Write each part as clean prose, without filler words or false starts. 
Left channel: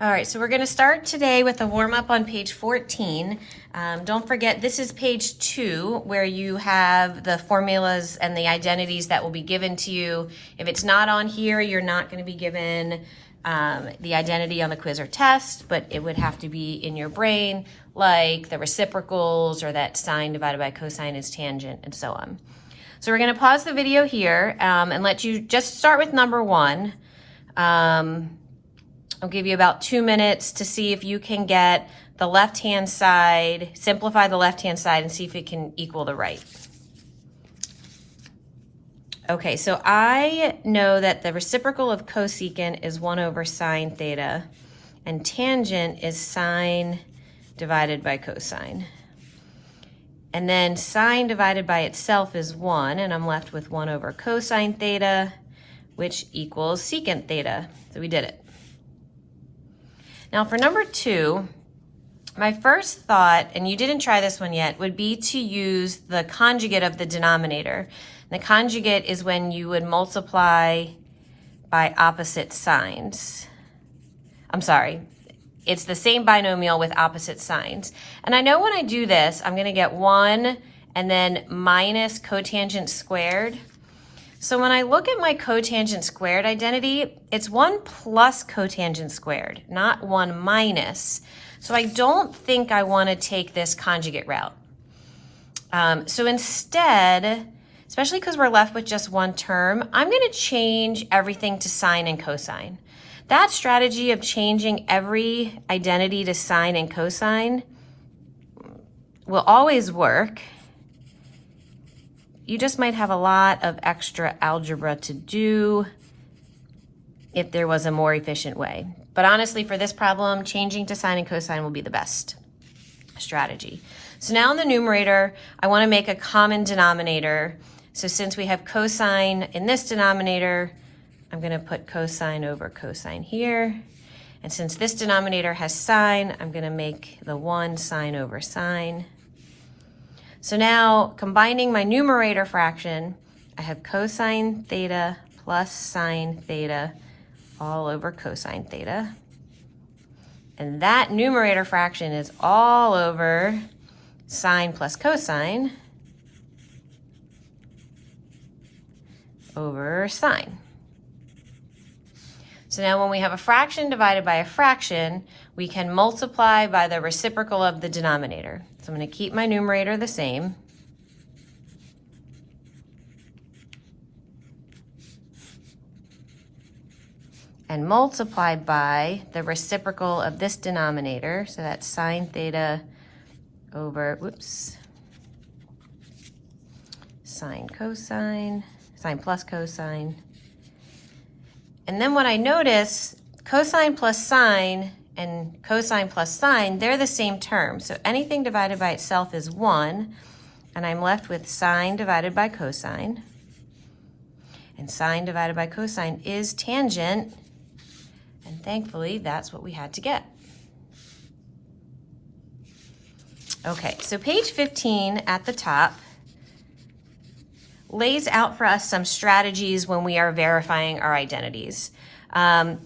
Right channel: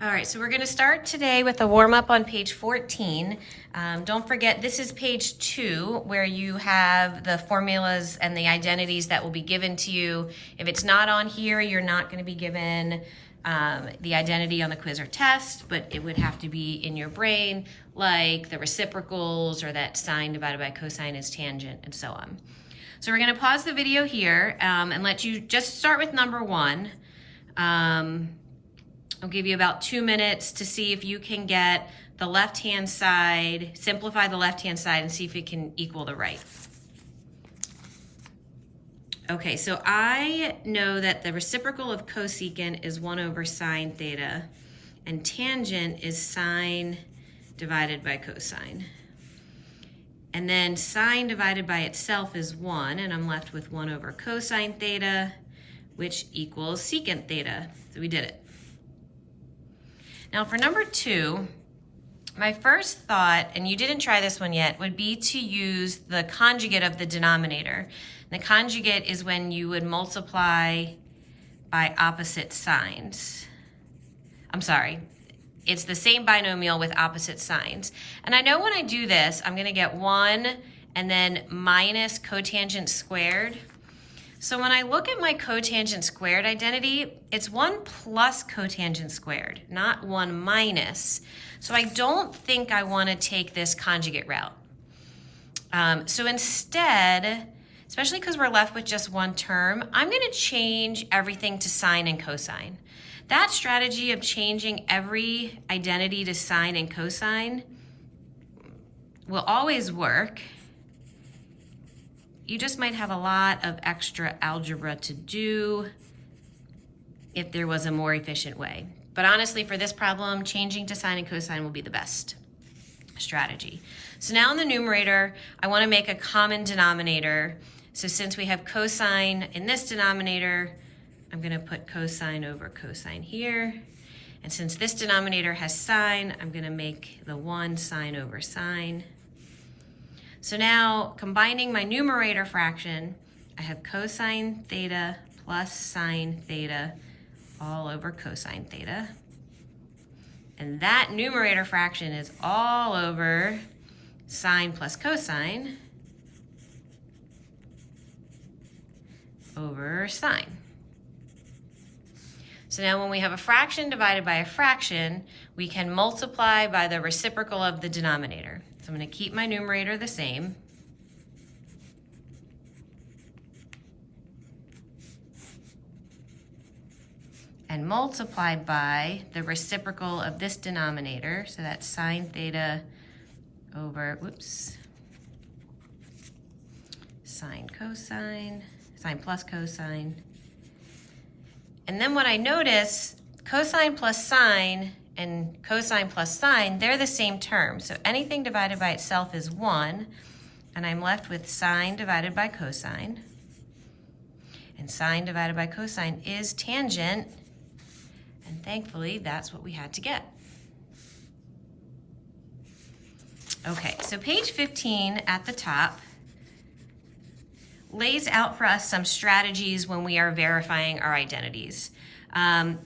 All right, so we're going to start today with a warm-up on page 14. Don't forget, this is page 2, where you have the formulas and the identities that will be given to you. If it's not on here, you're not going to be given the identity on the quiz or test, but it would have to be in your brain, like the reciprocals or that sine divided by cosine is tangent and so on. So we're going to pause the video here and let you just start with number 1. I'll give you about 2 minutes to see if you can get the left-hand side, simplify the left-hand side and see if it can equal the right. Okay, so I know that the reciprocal of cosecant is 1 over sine theta, and tangent is sine divided by cosine. And then sine divided by itself is 1, and I'm left with 1 over cosine theta, which equals secant theta. So we did it. Now for number 2, my first thought, and you didn't try this one yet, would be to use the conjugate of the denominator. The conjugate is when you would multiply by opposite signs. I'm sorry, it's the same binomial with opposite signs. And I know when I do this, I'm gonna get 1 and then minus cotangent squared. So when I look at my cotangent squared identity, it's 1 plus cotangent squared, not 1 minus. So I don't think I want to take this conjugate route. So instead, especially because we're left with just one term, I'm going to change everything to sine and cosine. That strategy of changing every identity to sine and cosine will always work. You just might have a lot of extra algebra to do if there was a more efficient way. But honestly, for this problem, changing to sine and cosine will be the best strategy. So now in the numerator, I want to make a common denominator. So since we have cosine in this denominator, I'm going to put cosine over cosine here. And since this denominator has sine, I'm going to make the 1 sine over sine. So now, combining my numerator fraction, I have cosine theta plus sine theta all over cosine theta. And that numerator fraction is all over sine plus cosine over sine. So now when we have a fraction divided by a fraction, we can multiply by the reciprocal of the denominator. So I'm going to keep my numerator the same. And multiply by the reciprocal of this denominator. So that's sine theta over, sine cosine, sine plus cosine. And then what I notice, cosine plus sine and cosine plus sine, they're the same term. So anything divided by itself is 1, and I'm left with sine divided by cosine. And sine divided by cosine is tangent, and thankfully that's what we had to get. Okay, so page 15 at the top lays out for us some strategies when we are verifying our identities.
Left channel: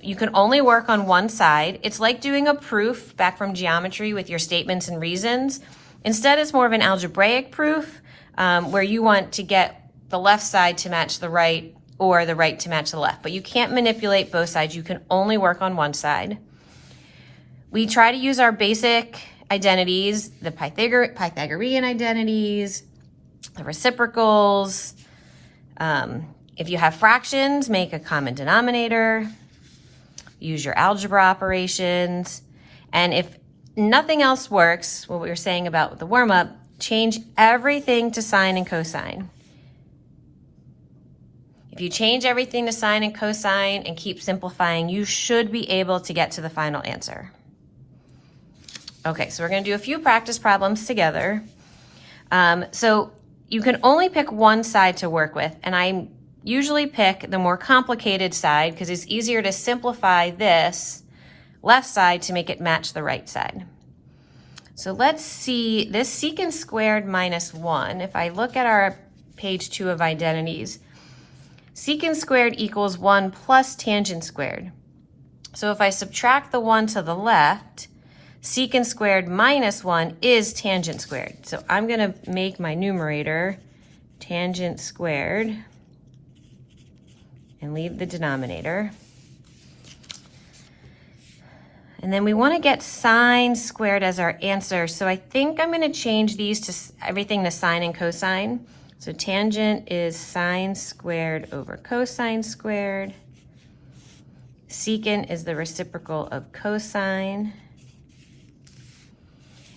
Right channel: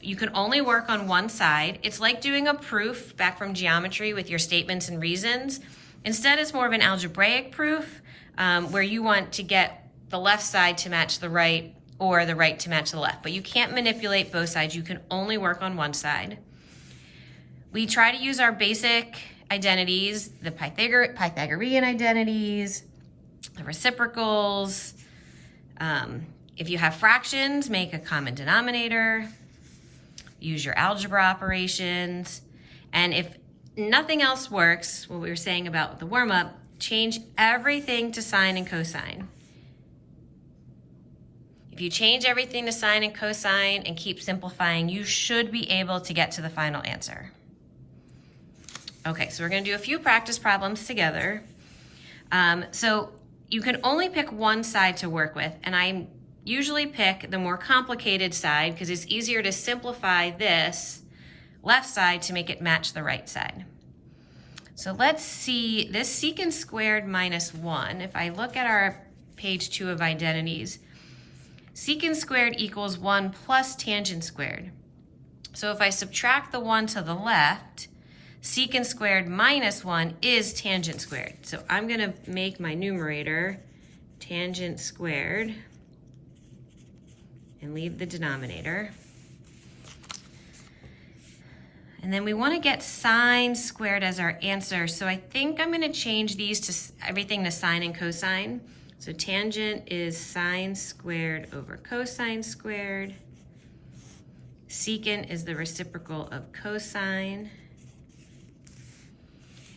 You can only work on one side. It's like doing a proof back from geometry with your statements and reasons. Instead, it's more of an algebraic proof where you want to get the left side to match the right or the right to match the left. But you can't manipulate both sides. You can only work on one side. We try to use our basic identities, the Pythagorean identities, the reciprocals. If you have fractions, make a common denominator, use your algebra operations, and if nothing else works, what we were saying about the warm-up, change everything to sine and cosine. If you change everything to sine and cosine and keep simplifying, you should be able to get to the final answer. Okay, so we're going to do a few practice problems together. So you can only pick one side to work with, and I usually pick the more complicated side because it's easier to simplify this left side to make it match the right side. So let's see this secant squared minus 1. If I look at our page 2 of identities, secant squared equals 1 plus tangent squared. So if I subtract the 1 to the left, secant squared minus 1 is tangent squared. So I'm going to make my numerator tangent squared and leave the denominator. And then we want to get sine squared as our answer. So I think I'm going to change these to everything to sine and cosine. So tangent is sine squared over cosine squared. Secant is the reciprocal of cosine.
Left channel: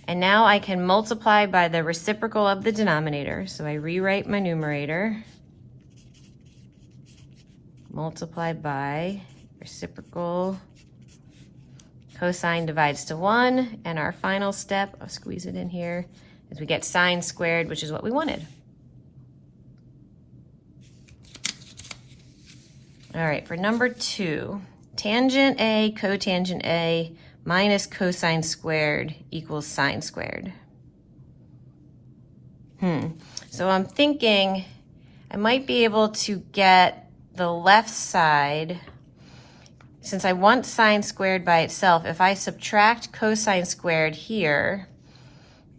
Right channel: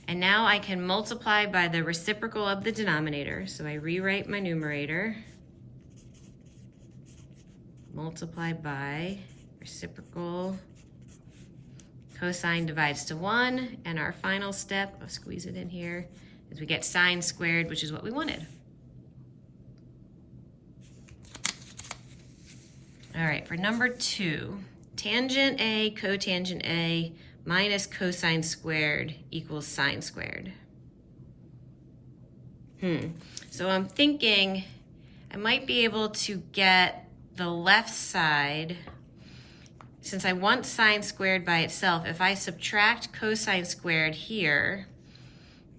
And now I can multiply by the reciprocal of the denominator. So I rewrite my numerator. Multiply by reciprocal. Cosine divides to 1. And our final step, I'll squeeze it in here, is we get sine squared, which is what we wanted. All right, for number 2, tangent A cotangent A minus cosine squared equals sine squared. So I'm thinking I might be able to get the left side, since I want sine squared by itself, if I subtract cosine squared here,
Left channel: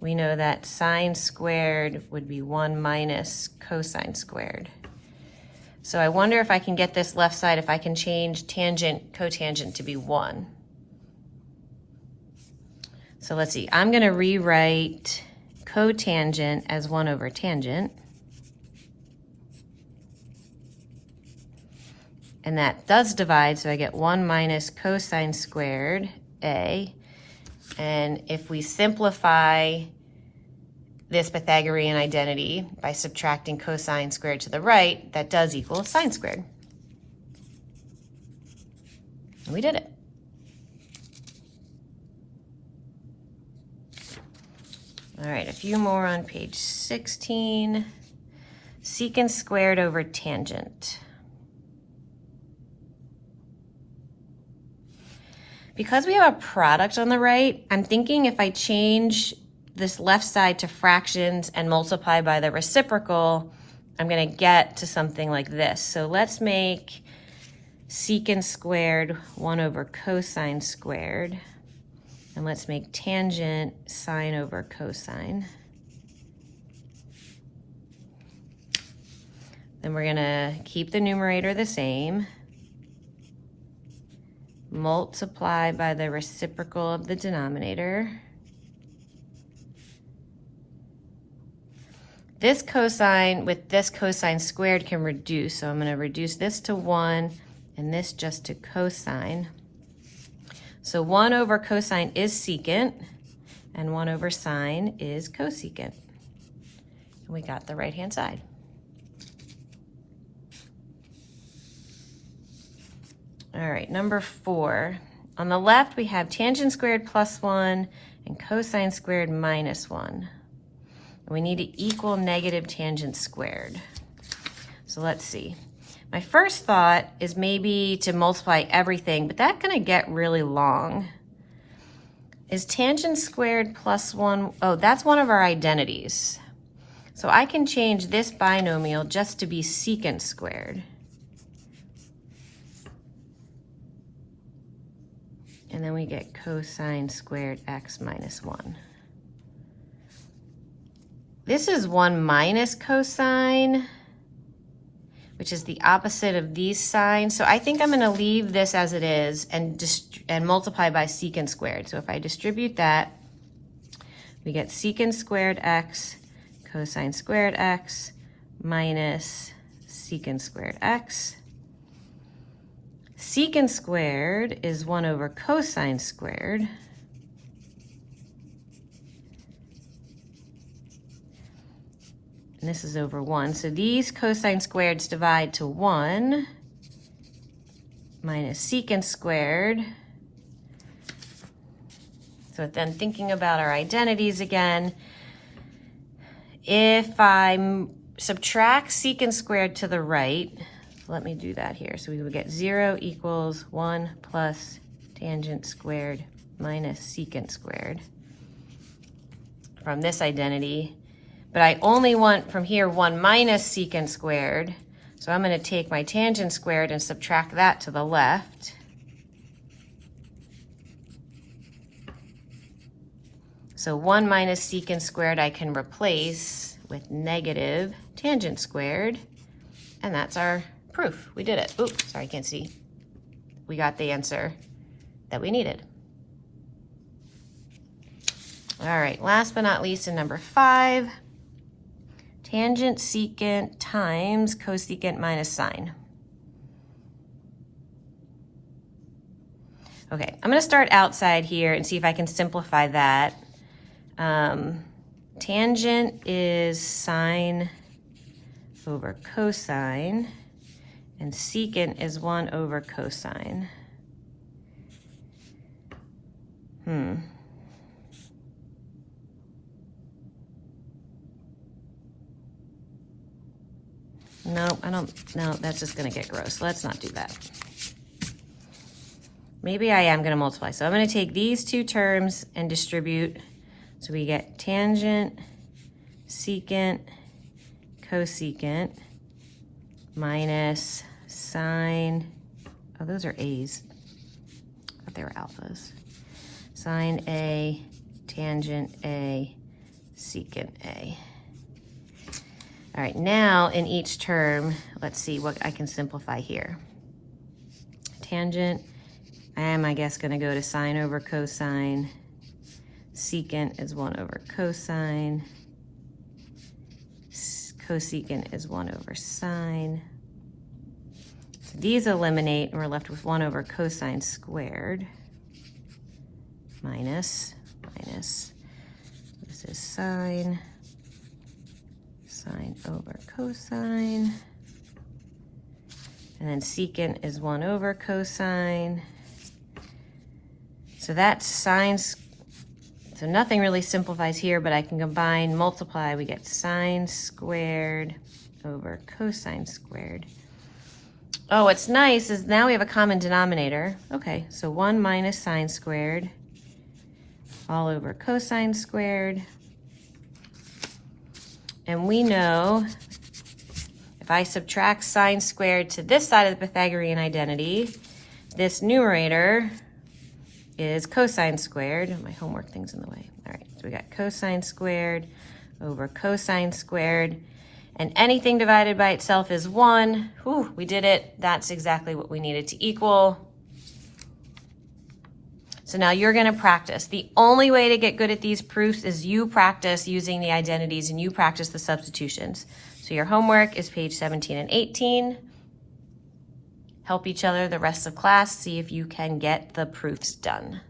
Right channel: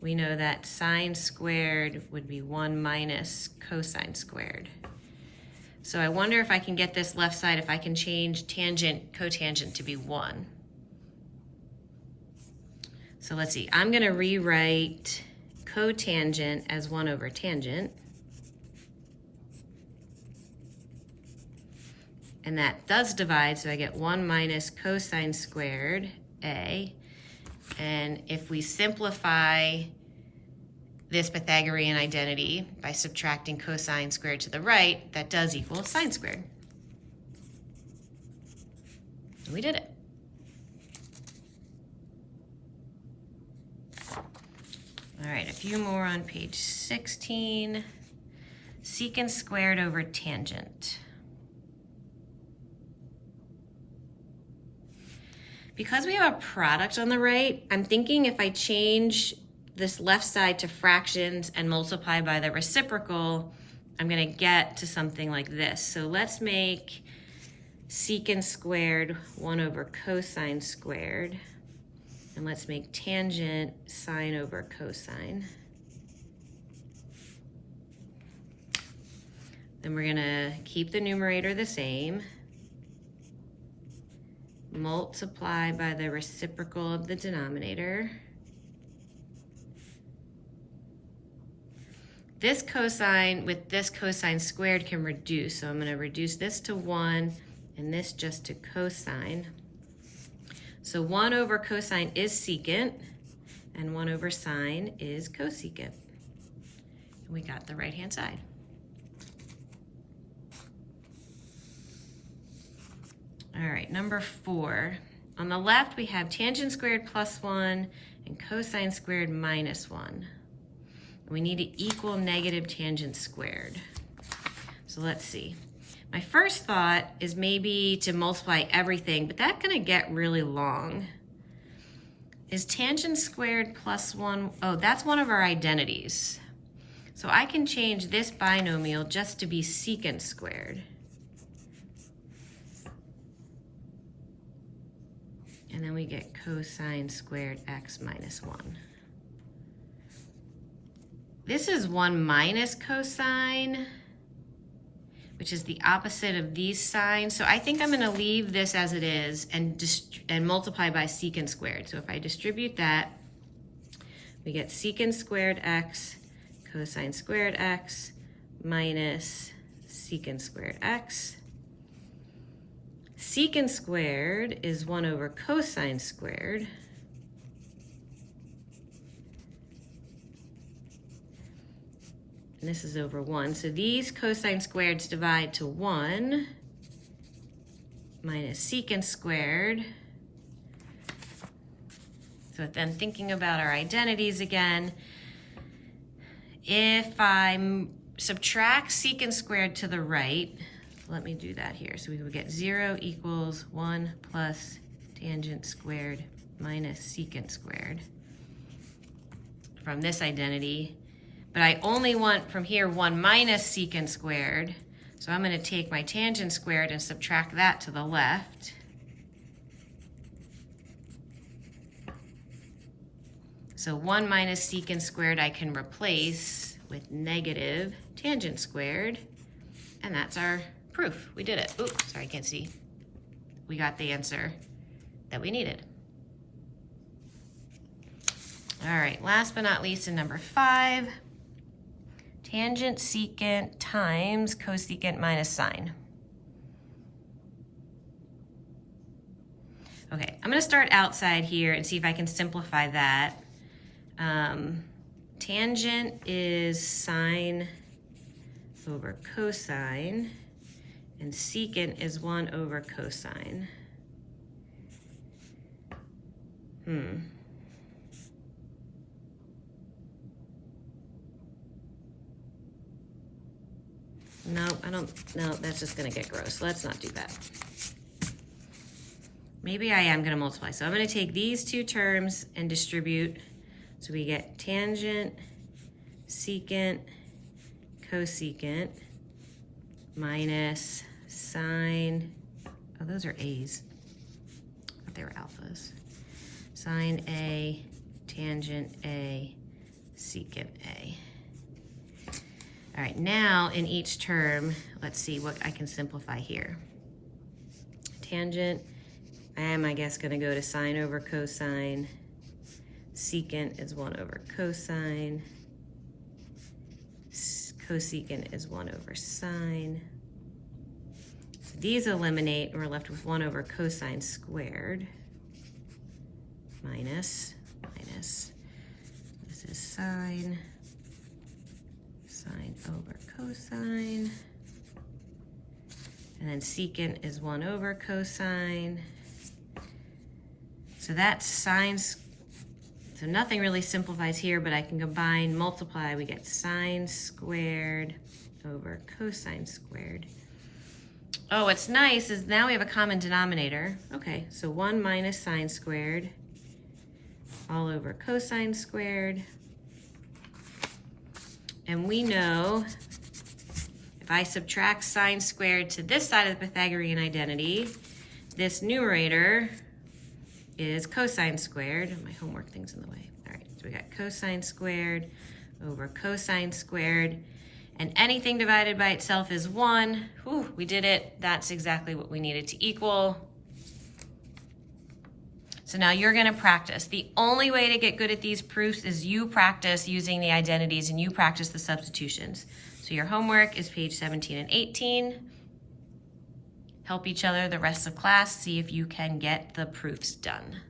we know that sine squared would be 1 minus cosine squared. So I wonder if I can get this left side, if I can change tangent, cotangent to be 1. So let's see, I'm gonna rewrite cotangent as 1 over tangent. And that does divide, so I get 1 minus cosine squared A. And if we simplify this Pythagorean identity by subtracting cosine squared to the right, that does equal sine squared. And we did it. All right, a few more on page 16. Secant squared over tangent. Because we have a product on the right, I'm thinking if I change this left side to fractions and multiply by the reciprocal, I'm gonna get to something like this. So let's make secant squared 1 over cosine squared. And let's make tangent sine over cosine. Then we're gonna keep the numerator the same. Multiply by the reciprocal of the denominator. This cosine with this cosine squared can reduce, so I'm going to reduce this to 1 and this just to cosine. So 1 over cosine is secant, and 1 over sine is cosecant. And we got the right-hand side. All right, number 4. On the left, we have tangent squared plus 1 and cosine squared minus 1. And we need to equal negative tangent squared. So let's see. My first thought is maybe to multiply everything, but that's gonna get really long. Is tangent squared plus 1, oh, that's one of our identities. So I can change this binomial just to be secant squared. And then we get cosine squared x minus 1. This is 1 minus cosine, which is the opposite of these signs. So I think I'm gonna leave this as it is and multiply by secant squared. So if I distribute that, we get secant squared x, cosine squared x, minus secant squared x. Secant squared is 1 over cosine squared. And this is over 1. So these cosine squareds divide to 1 minus secant squared. So then thinking about our identities again, if I subtract secant squared to the right, let me do that here. So we would get 0 equals 1 plus tangent squared minus secant squared from this identity. But I only want from here 1 minus secant squared. So I'm going to take my tangent squared and subtract that to the left. So 1 minus secant squared I can replace with negative tangent squared, and that's our proof. We did it. Oops, sorry, I can't see. We got the answer that we needed. All right, last but not least, in number 5, tangent secant times cosecant minus sine. Okay, I'm gonna start outside here and see if I can simplify that. Tangent is sine over cosine, and secant is 1 over cosine. No, that's just gonna get gross. Let's not do that. Maybe I am gonna multiply. So I'm gonna take these two terms and distribute. So we get tangent, secant, cosecant, minus sine, oh, those are A's. I thought they were alphas. Sine A, tangent A, secant A. All right, now in each term, let's see what I can simplify here. Tangent, I am, I guess, gonna go to sine over cosine. Secant is 1 over cosine. Cosecant is 1 over sine. So these eliminate, and we're left with 1 over cosine squared. Minus, this is sine over cosine. And then secant is 1 over cosine. So that's sine, so nothing really simplifies here, but I can combine, multiply, we get sine squared over cosine squared. Oh, what's nice is now we have a common denominator. Okay, so 1 minus sine squared all over cosine squared. And we know if I subtract sine squared to this side of the Pythagorean identity, this numerator is cosine squared. My homework thing's in the way. All right, so we got cosine squared over cosine squared. And anything divided by itself is 1. Whew, we did it. That's exactly what we needed to equal. So now you're gonna practice. The only way to get good at these proofs is you practice using the identities and you practice the substitutions. So your homework is page 17 and 18. Help each other the rest of class, see if you can get the proofs done.